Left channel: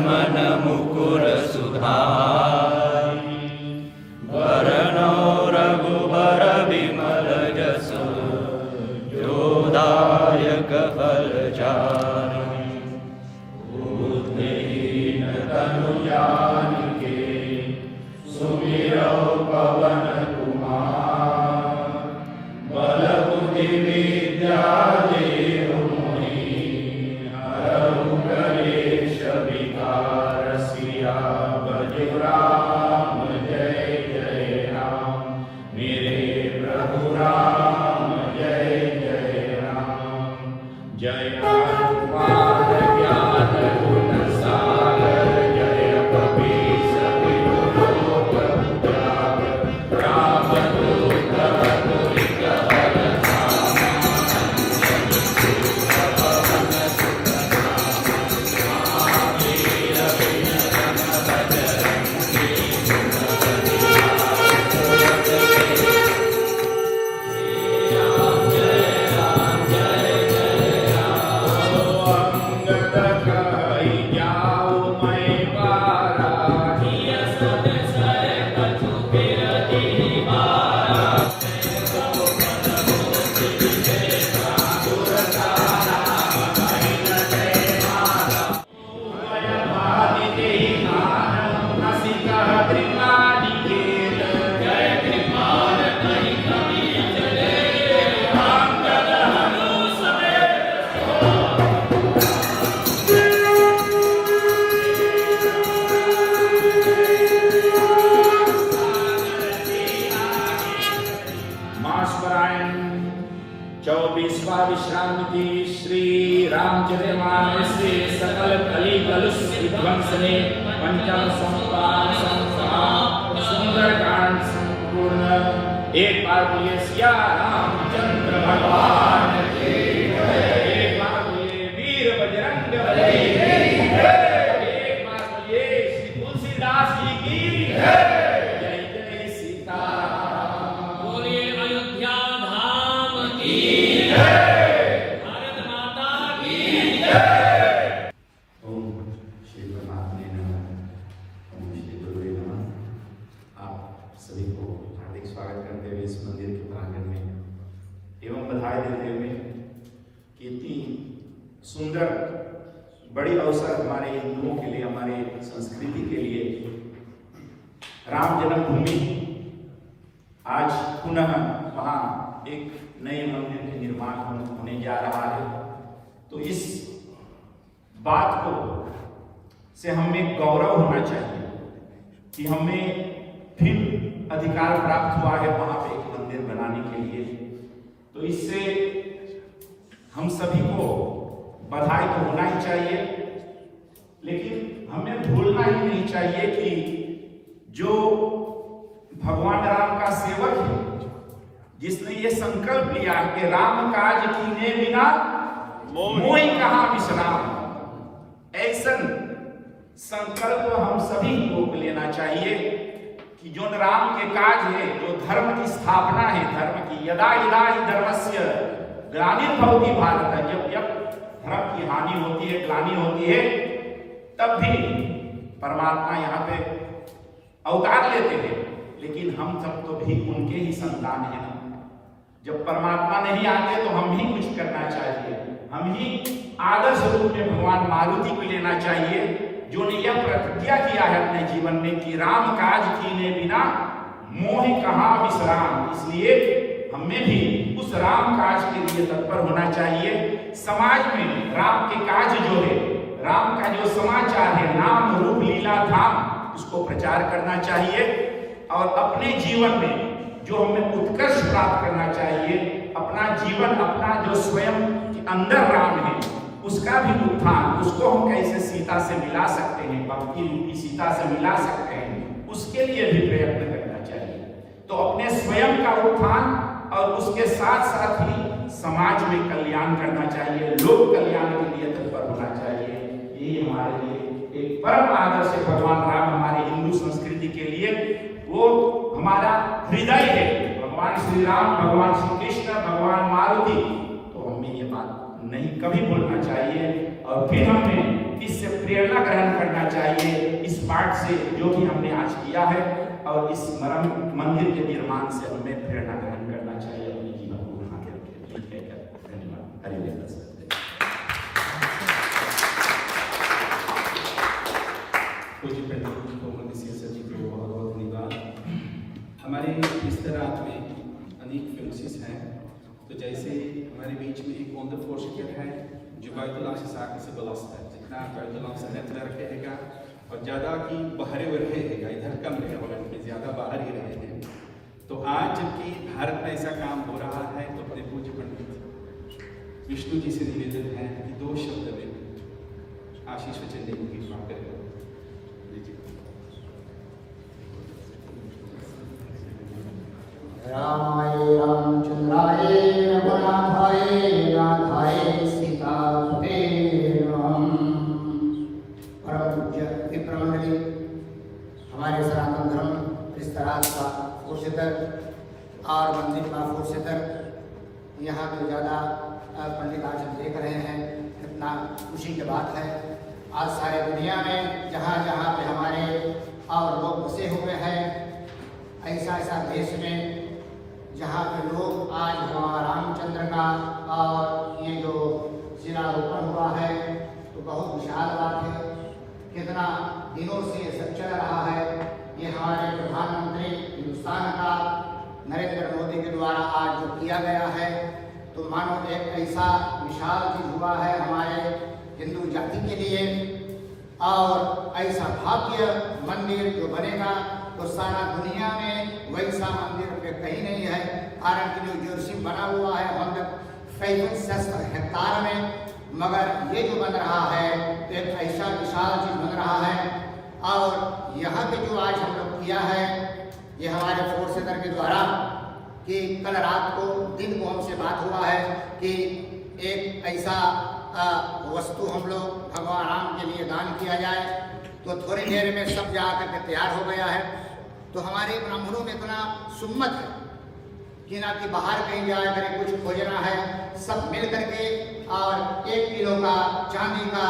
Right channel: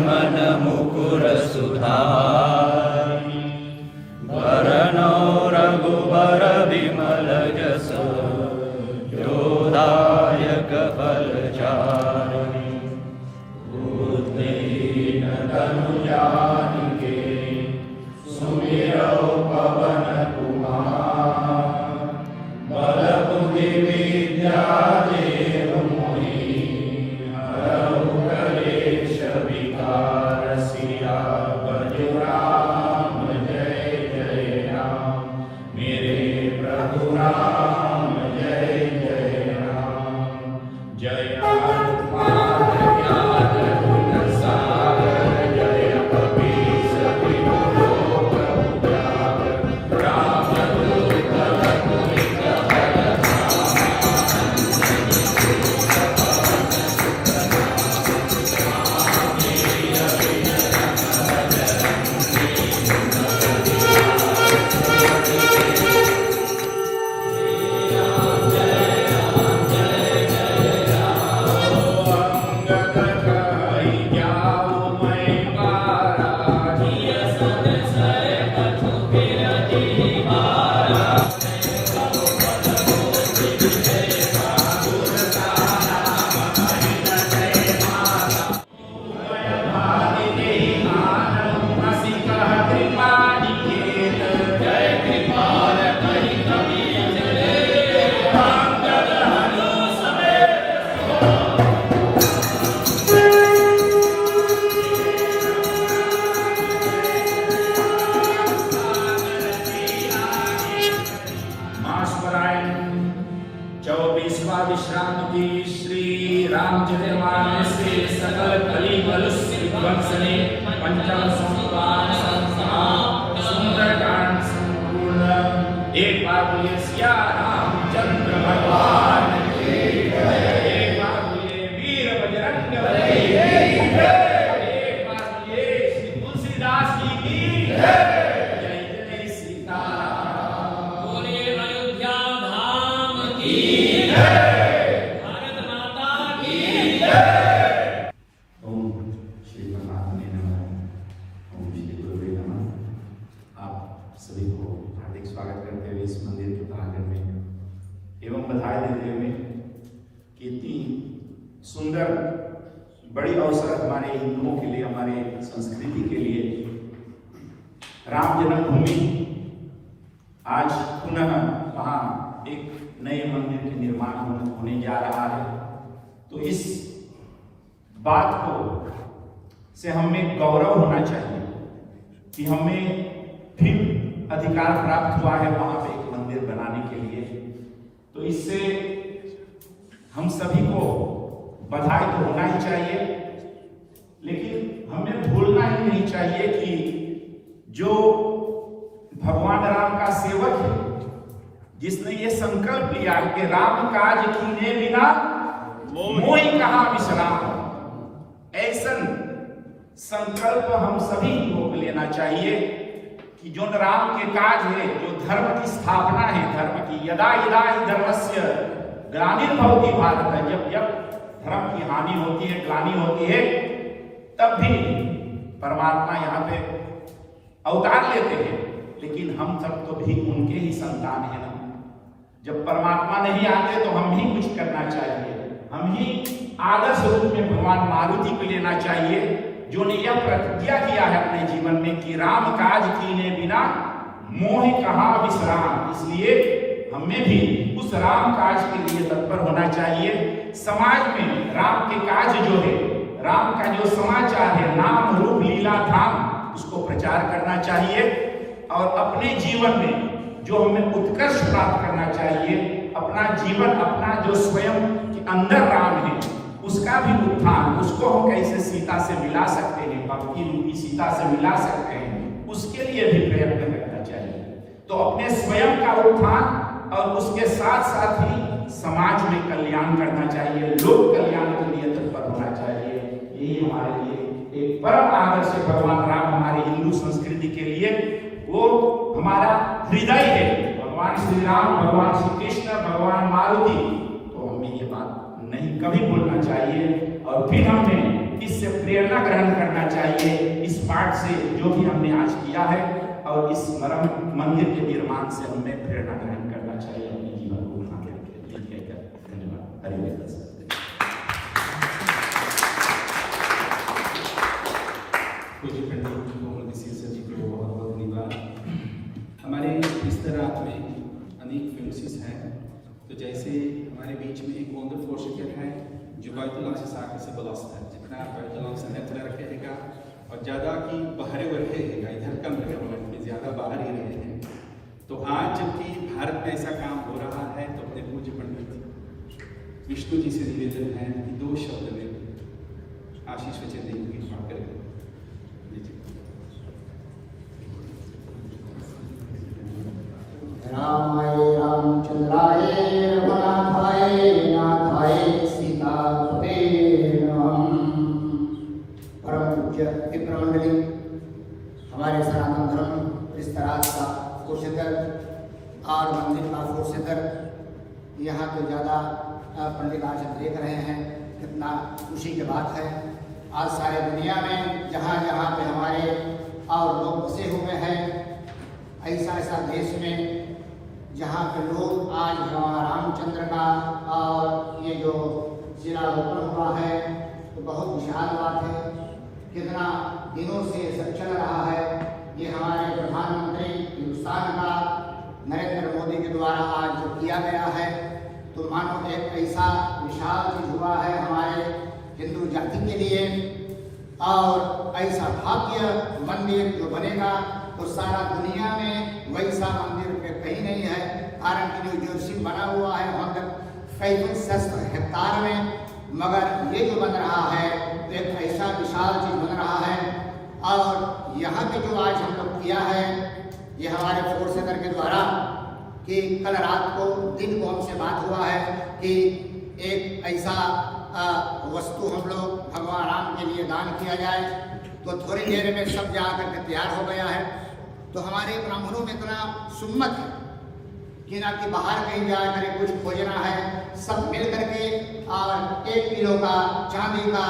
मन मुकुर सुधार, वरनो रघुवर विमल जस, योदायक फलचारि। बुद्धिहीन तनु जानिके, सुमिरौ पवन कुमार। बल बुद्धि विद्या देहु मोहि, हरहु कलेश विकार। सियावर राम जय जय राम, मेरे प्रभु राम जय जय राम। जय हनुमान ज्ञान गुण सागर, जय कपीस तिहु लोक उजागर। रामदूत अतुलित बल धामा, विश्रांति। श्री रामचरितमानस से सकल कली कलुष विध्वंसने, पंचम संस्थान संस्थान सुंदरकांड संपूर्ण। एक बार बोलिए सिया रामचंद्र भगवान की जय। एक बार बोलिए वीर बजरंग बली की जय। एक बार बोलिए श्री तुलसीदास जी की जय। जय जय सीताराम। बोलिए अयोध्या धाम की जय। सभी को हार्दिक स्वागत करते हुए इस मंदिर के प्रांगण में एवं बधाई देते हुए कि इतनी सुंदर बड़ी अवसर हमारे हिंदुओं के लिए, हमारे संस्कृति के लिए राम जन्मभूमि आज पुनः वहाँ एक नए मंदिर के निर्माण होने जा रहा है। तो इस बात को से हमें गौरव होना चाहिए कि हमें फिर अधिकार प्राप्त हुआ है वहां पे एक मंदिर बनाने के लिए। तो इससे हम सभी को बधाई तो होना ही चाहिए, लेकिन हमें भूलना ही नहीं चाहिए कि जो भगवान राम का सेवक है, जिसने ये संकल्प लिया कि राम काज कीने बिना मोहि कहाँ विश्राम, ऐसा संकल्प हम सभी को लेना चाहिए कि जो राम के काज है, जो धर्म की स्थापना है, धर्म की यदा यदा ही धर्मस्य ग्लानिर्भवति भारत, जब जब धर्म की हानि होती है, ग्लानि होती है, तब भी परमात्मा यहाँ पे अवतार लेते हैं। लेकिन हम सब तो भी उनके ही संतान हैं ना। जब परमात्मा नहीं आते तो हम ही कुछ करना चाहिए। हम ही आदर्श रूप में भगवान मारुति को लेना चाहिए, जो ने यह प्रतिज्ञा किया है अपने जीवन में कि राम काज कीने बिना मोहि कहाँ विश्राम। इसलिए हमें भी उस राम काज के लिए तत्पर होना चाहिए। समाज में राम के काज जो है, राम का जो समाचार है, नाम रूप लीला धाम, उसको प्रचार करना चाहिए। और अपने जीवन में जो हमें उत्कर्ष प्राप्त करना चाहिए, अपना जीवन, अपना जो स्वयं के अंदर राम है, उसका भी उत्थान, उसको हम कैसे सीता से मिला सकते हैं, भक्ति रूपी सीता से मिला सकते हैं, उसके लिए भी प्रयत्न करना चाहिए। तो अपने स्वयं का उत्थान और उसके साथ साथ ही समाज में कल्याण करना चाहिए, लोक कल्याण के लिए तत्पर होना चाहिए। यही हमारे लिए एक परम आदर्श है। भगवान राम हमारे हिंदू संस्कृति के लिए वो हमारा हृदय है। भगवान श्री राम, भगवान श्री कृष्ण, भगवान मारुति, तो हमें ये बात नहीं कभी भूलना चाहिए। और फिर हमें किससे प्रेरणा ग्रहण करना चाहिए इस पाठ से, जो भी हमने आज किया है, और इस मरम मंदिर के निर्माण से हमें प्रेरणा ग्रहण करना चाहिए अपने जीवन को बना के। धन्यवाद। हरिवंश। पूज्य पंडित कोमल सर जी को बहुत बहुत धन्यवाद। हमारे इस तरह में अनेक फिल्मसिस हैं, तो जैसे हमारे बीच में एक वंडर फोर्सिटर है जो buitenlandse zaken से belast है, जितना buitenlandse नेटवर्क रहेगा और ज़्यादा की बाहर रहेगा, इधर कम रहे और ज़्यादा बाहर ही रहे हैं। तो आज जबकि भारत में ऐसा काम हो रहा है, तो अपने पूज्य पंडित विष्णु जी से निवेदन है कि 2 शब्द में आशीष वचन देने की कृपा करें। रामाय रामचंद्राय रघुनाथाय नाथाय सीतापते नमः। परम पूज्य विप्र मंडली, हमारे सनातन धर्म विस्तार का फोर्सेटर और मंदिर का फोर्सेटर, यहाँ तो ज़्यादा पंडित आज हम देख रहे हैं, कितना खुशी की बात है। आज सारे दुनिया में जहाँ जहाँ पे हमारे और लोग बसे हुए हैं, ऐसा देश में जहाँ पे लोग आज भगवान रामचंद्र का और ये जो शिलारोपण हुआ है, तो बहुत विशाल बात है। कितना दिनों से ये सब चल रहा है। ये हमारे प्रधानमंत्री हिंदुस्तान का नरेंद्र मोदी के द्वारा आज जो किया गया है, तो मानो एक ऐसा विशाल चीज हुआ है हमारे हिंदू जाति के लिए। और ऐसा भव्य मंदिर जो बनेगा, तो सारा दुनिया में वैसा मंदिर पे कहीं नहीं है। कारण कि न्यू जर्सी बना हुआ है 165 हेक्टार में, मगर ये जो बन रहा है तो एक ऐसा विशाल चीज बन रहा है। और यहाँ पे जो आज हम लोग किया है, ये हमारे फोर्सेटर के द्वारा, कि कल रात को दिन को हमसे बात हुआ है कि एक ऐसा वस्तु हम लोग भगवान राम के लिए दान किया जाए, तो थोड़ी देर में सब जा करके तैयार हो गया है। तो हमारे ब्राह्मणों में इतना सुम्मत है कि ना कि बाहर कहीं जा कर कुछ खोजना है, सब मिल करके और 1 किलो का चांदी का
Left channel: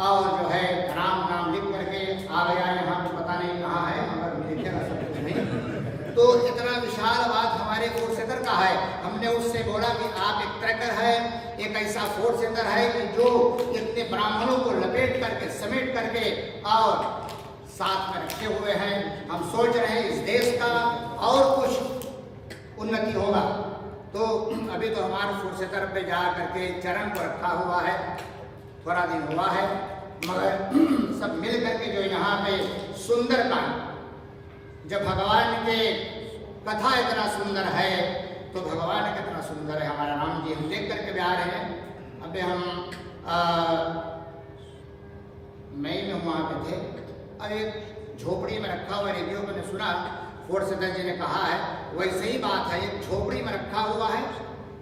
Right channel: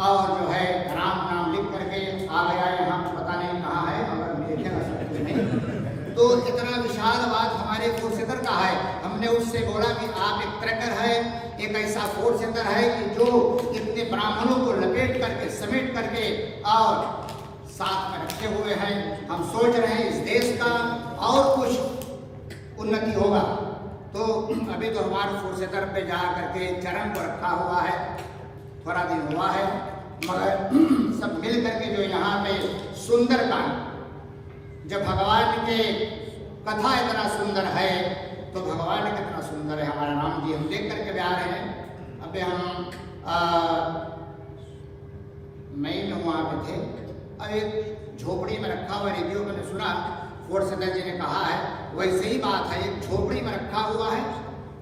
और जो है राम नाम लिख करके आ गया। यहाँ पे पता नहीं कहाँ है, मगर मिलेगा सब कुछ नहीं। तो इतना विशाल बात हमारे फोर्सेटर का है। हमने उससे बोला कि आप एक ट्रैकर है, एक ऐसा फोर्सेटर है कि जो इतने ब्राह्मणों को लपेट करके समेट करके और साथ में रखे हुए हैं। हम सोच रहे हैं इस देश का और कुछ उन्नति होगा। तो अभी तो हमारे फोर्सेटर पे जा करके चरण को रखा हुआ है, थोड़ा दिन हुआ है, मगर सब मिल करके जो यहाँ पे सुंदरकांड, जब भगवान के कथा इतना सुंदर है, तो भगवान कितना सुंदर है हमारा राम जी। हम देख करके भी आ रहे हैं। अबे हम मई में वहाँ पे थे, और एक झोपड़ी में रखा हुआ, रेडियो मैंने सुना फोर्सेटर जी ने कहा है, वैसे ही बात है। एक झोपड़ी में रखा हुआ है,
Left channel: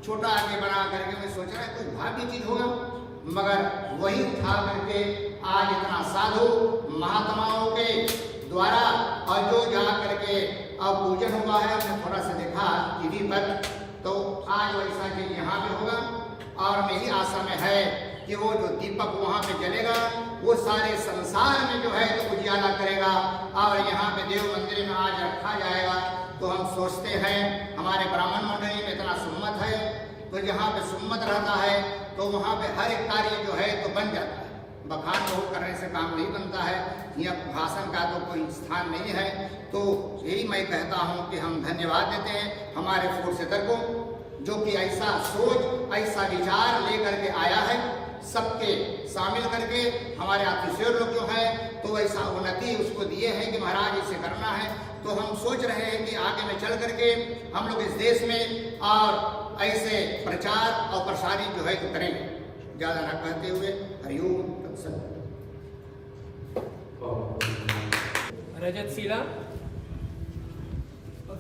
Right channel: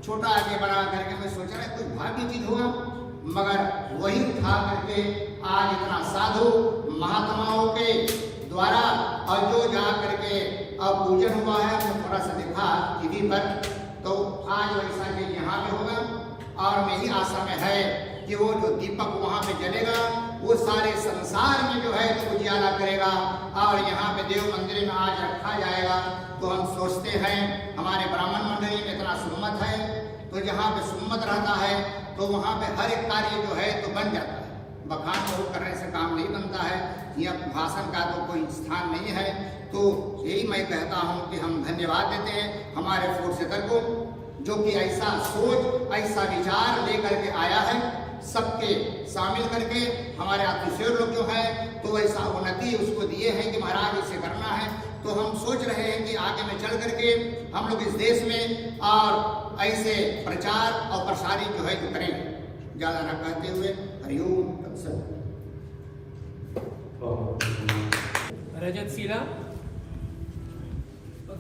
छोटा आगे बना करके। मैं सोच रहा है कुछ भाग्य चीज होगा, मगर वही था करके आज इतना साधु महात्माओं के द्वारा और जो जा करके अब पूजन हुआ है। हमने थोड़ा सा देखा टीवी पर, तो आज वैसा चीज यहाँ पे होगा। और मेरी आशा में है कि वो जो दीपक वहाँ पे जलेगा, वो सारे संसार में जो है तो उजियाला करेगा। और यहाँ पे देव मंदिर में आज रखा जाएगा। तो हम सोचते हैं हमारे ब्राह्मण मंडली में इतना सुम्मत है, तो जहाँ पे सुम्मत रहता है तो वहाँ पे हर एक कार्य जो है तो बन जाता है। बखान बहुत करने से काम नहीं बनता है, यह भाषण का तो कोई स्थान नहीं है। तो यही मैं कहता हूँ कि हम धन्यवाद देते हैं हमारे फोर्सेटर को, जो कि ऐसा सोच ऐसा विचार लेकर के आया है, सबके शामिल करके। हमारे ऑफिसर लोग जो हैं तो ऐसा उन्नति उसको दिए हैं कि महाराज इसे करना है। तो हम सोच रहे हैं कि आगे में चल करके हम लोग इस देश में और ऐसे प्रचार और प्रसारित जो है तो करेंगे। ज्यादा न कहते हुए हरिओम तत्सत। रजत शिला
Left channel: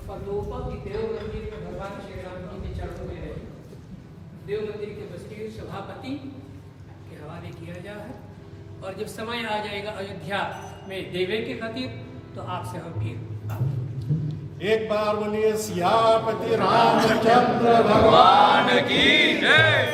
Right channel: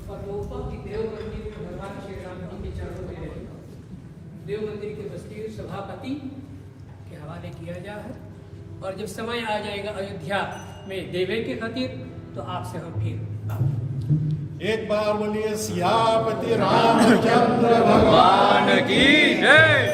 की देव मंदिर में भगवान श्री राम जी के चरणों में है। देव मंदिर के बस्ती सभापति के हवाले किया जा है। और जब समय आ जाएगा अयोध्या में देवे के खातिर, तो आपसे हम फिर एक बार बोलिए सियापति रामचंद्र भगवान की जय।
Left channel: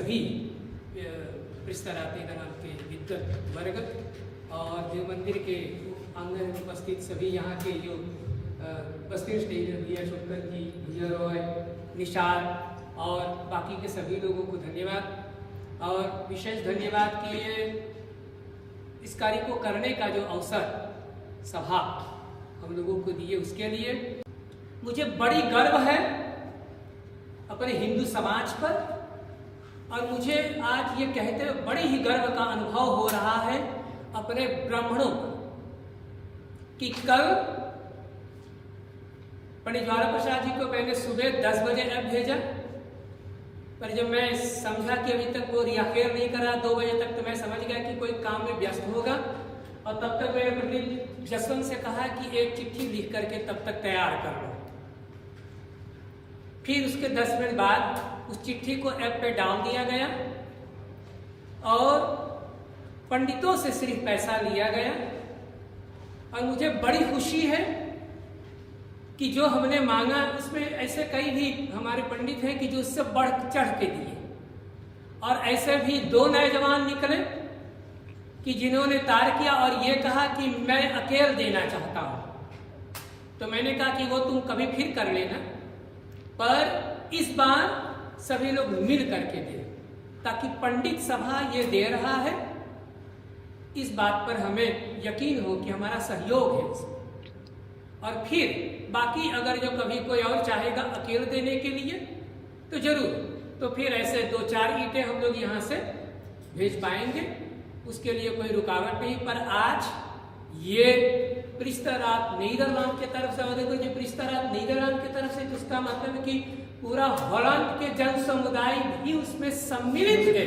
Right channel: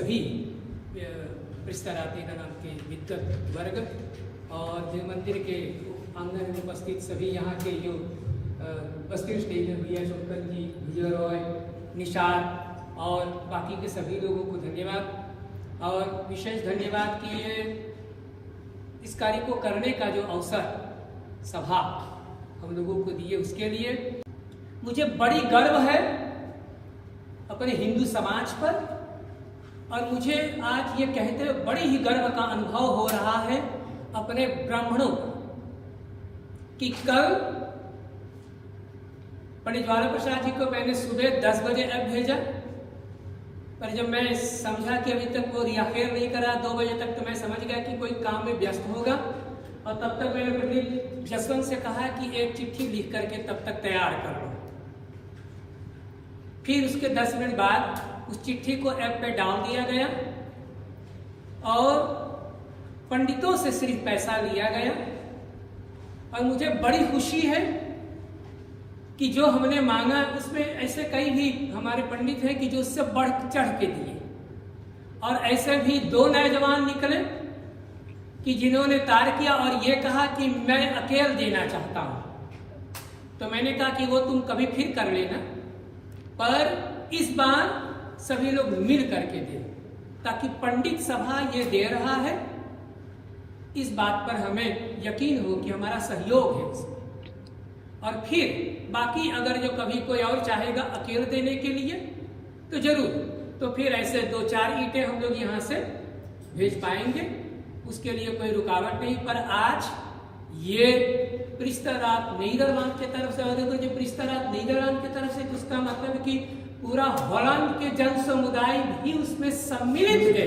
सभी प्रिस्तराती नाम के विद्वत वर्ग और देव मंदिर के आंगन में उपस्थित सभी यहाँ के जो उपस्थित स्टेज भैया शोकर जी, विजय रॉय, निशार और बाकी के सभी लोगों को धन्यवाद। और विशेष धन्यवाद कि ये इस कार्य को करने का जो अवसर सभा हम लोगों को दिए उसके लिए मुझे बड़ी गर्व है अपने हिंदू समाज पर। और मुझे आज ये कहते हुए बड़ी ही गर्व का अनुभव हो रहा है अपने ब्राह्मणों पर कि कल पंडित ज्वाला प्रसाद जी को मैंने सुबह 10 बजे ऐप भेजा, पर जब मैं समझा कि अभी तक वो रियाखेर नहीं करा 2 बजे तक, तो मैं समझ गया कि कोई काम में व्यस्त होगा। और तब तक मैंने पंडित जसवंत से कहा कि एक चिट्ठी लिख करके तब तक तैयार कर लो। फिर उसके 10 मिनट बाद उस चिट्ठी को ऐप पे डाल दिया गया और पंडितों से सिर्फ पैसा लिया गया। और मुझे बड़ी खुशी है कि जो हमने मांगा उसमें ऐसे कई भी हमारे पंडित हैं कि जो उससे बढ़ चढ़ के दिए। और ऐसे भी 2 नौजवान निकले कि जिन्होंने तार किया और ये कहा कि मैं अकेले देना चाहता हूं। तो मैंने कहा कि वो तुम कभी फिर कर लेना, पर इस बार सभी लोग मिल करके दे, ताकि पंडित सभा ये दे रहा है इस बात पर हमें यकीन हो कि हमारा सहयोग है इसमें। और फिर बाकी अगर जो कभी कोई और चाहेगा अकेले देने के लिए तो जरूर, तो फिर ऐसे 2-4 ईंटें हम लोग यहाँ से भेज पाएंगे, उसके लिए कोई रुकावट नहीं। पर आज ये प्रिस्तरात नीदरलैंड की तरफ से, और देखो जो प्रिस्तरात नीदरलैंड की तरफ से, उसका मतलब कि पूरा हॉलैंड के जन समुदाय भी उसमें सम्मिलित है,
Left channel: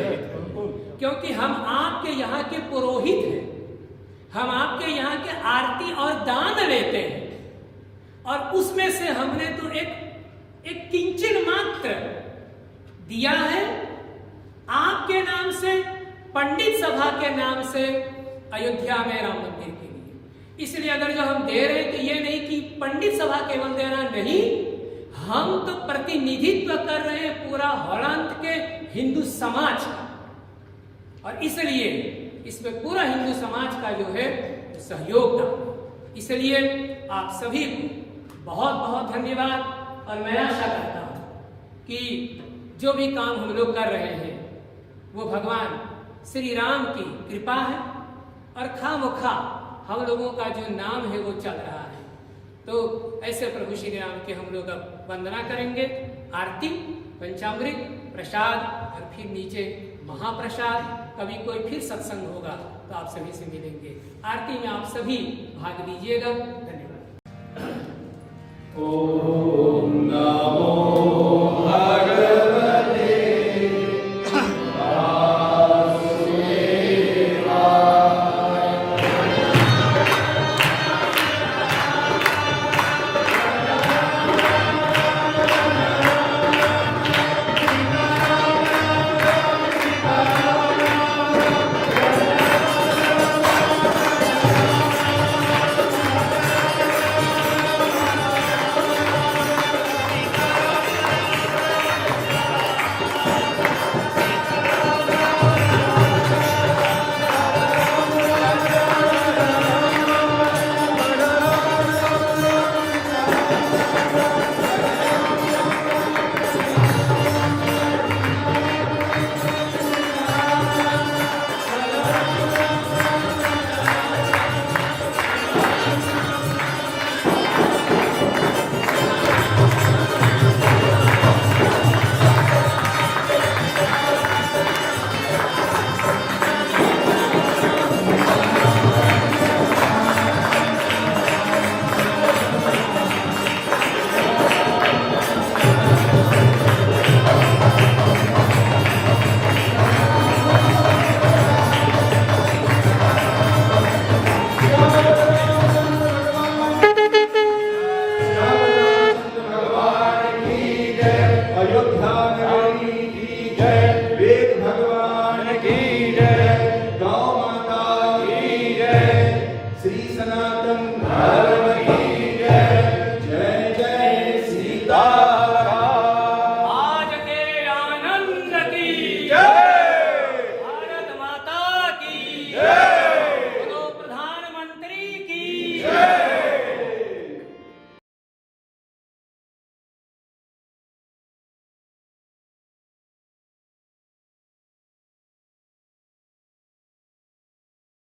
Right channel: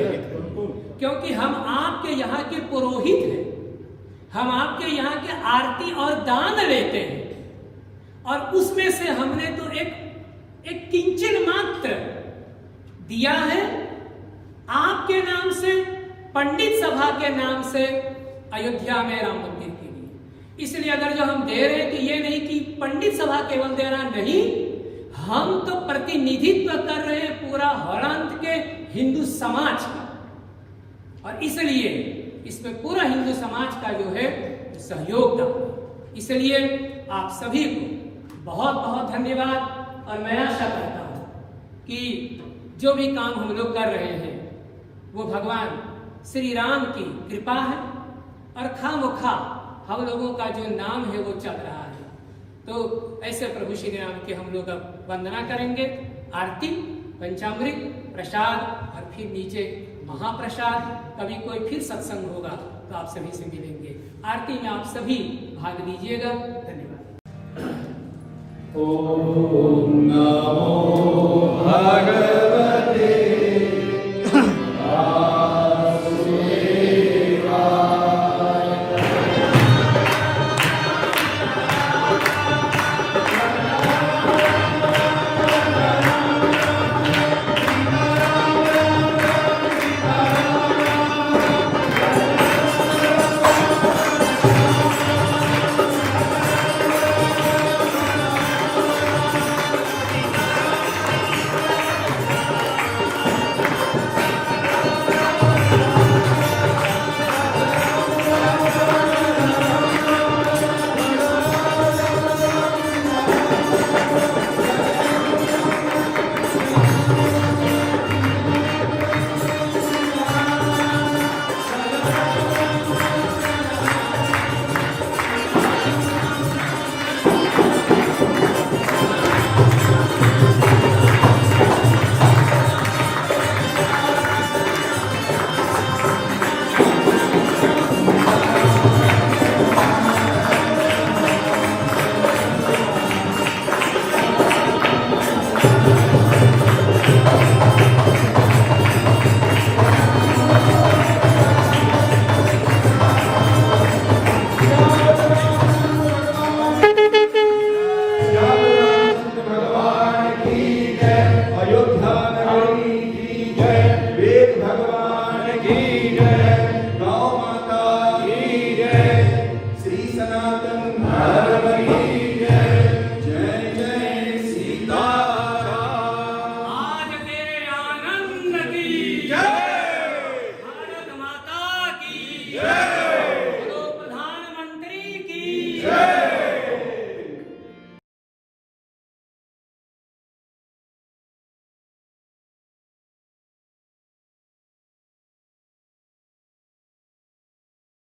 क्योंकि हम आपके यहाँ के पुरोहित हैं, हम आपके यहाँ के आरती और दान लेते हैं। और उसमें से हमने तो एक किंचन मात्र दिया है आपके नाम से, पंडित सभा के नाम से अयोध्या में राम मंदिर के लिए। इसलिए अगर जो हम दे रहे हैं तो ये नहीं कि पंडित सभा केवल देना, नहीं, हम तो प्रतिनिधित्व कर रहे हैं पूरा हॉलैंड के हिंदू समाज का। और इसलिए इसमें पूरा हिंदू समाज का जो है सहयोग था। इसलिए आप सभी को बहुत बहुत धन्यवाद। और मैं आशा करता हूं कि जो भी काम हम लोग कर रहे हैं वो भगवान श्री राम की कृपा है, और खामोखा हम लोगों का जो नाम है वो चल रहा है। तो ऐसे प्रभु श्री राम के हम लोग अब वंदना करेंगे, आरती, पंचामृत, प्रसाद और फिर नीचे महाप्रसाद। कभी कोई फिर सत्संग होगा तो आप सभी से मिलेंगे। आरती में आप सभी भाग लीजिएगा। धन्यवाद। ओम नमो भगवते अयोध्या नगरी की जय, वेद भगवान की जय।